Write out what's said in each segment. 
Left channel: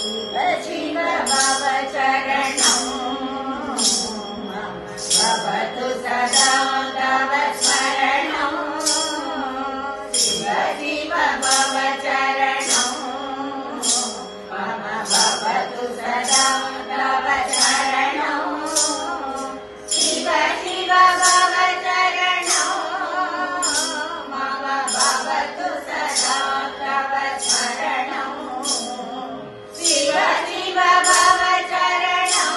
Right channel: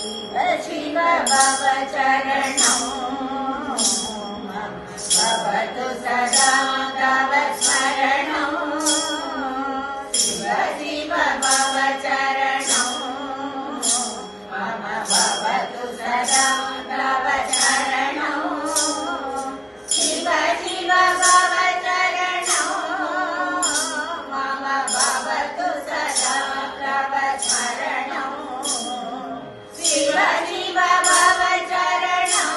शिव शिव भव चरणौ मम भवतु सदा तव स्मरणौ शिव शिव भव चरणौ मम भवतु सदा तव स्मरणौ शिव शिव भव चरणौ मम भवतु सदा तव स्मरणौ शिव शिव भव चरणौ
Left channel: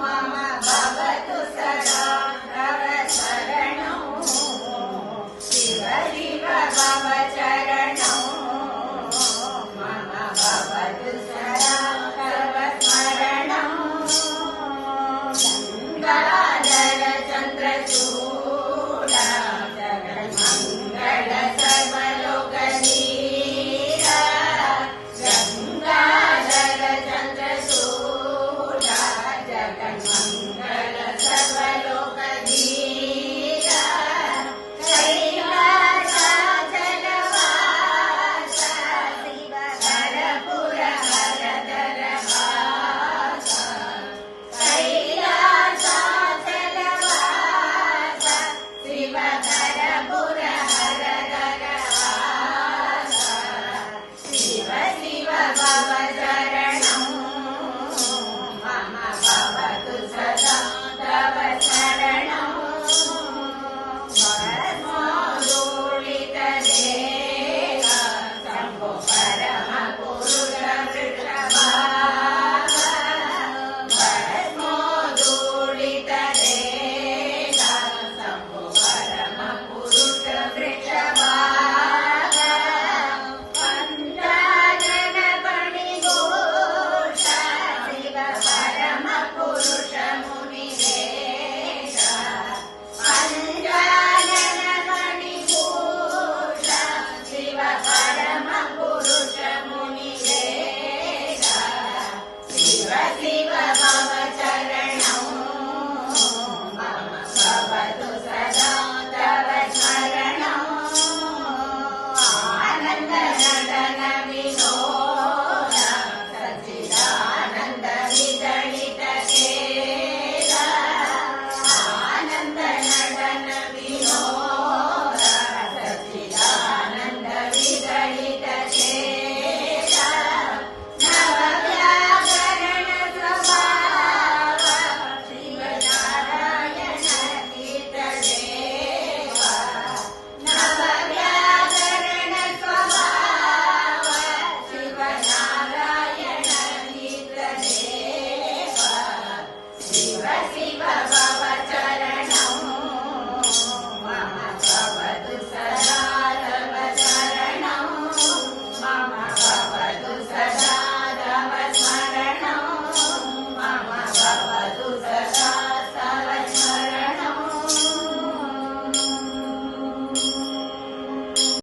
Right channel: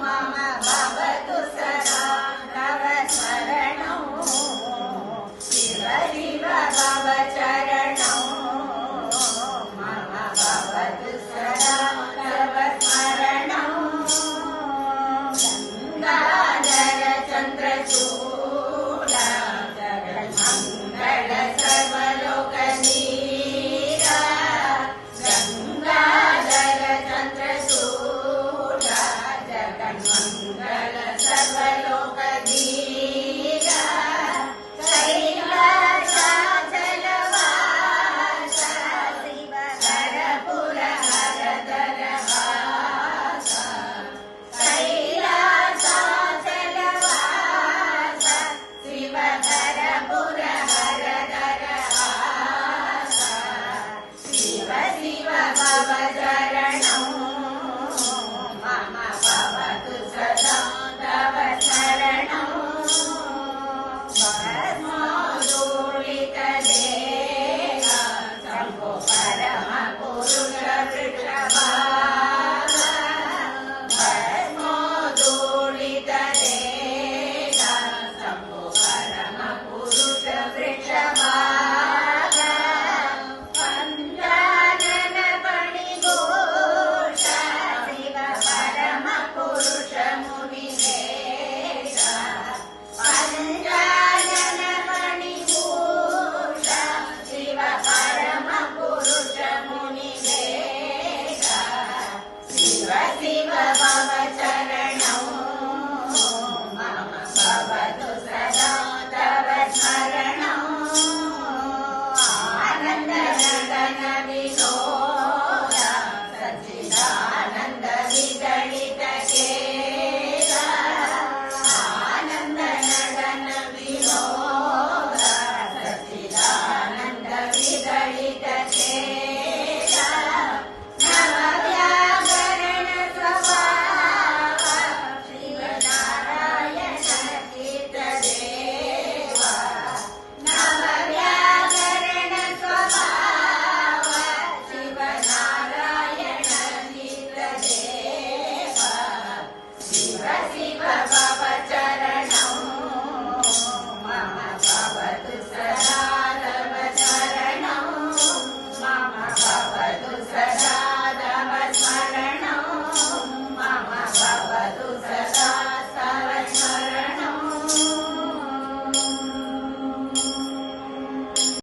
मम भवतु सदा तव स्मरणौ शिव शिव भव चरणौ मम भवतु सदा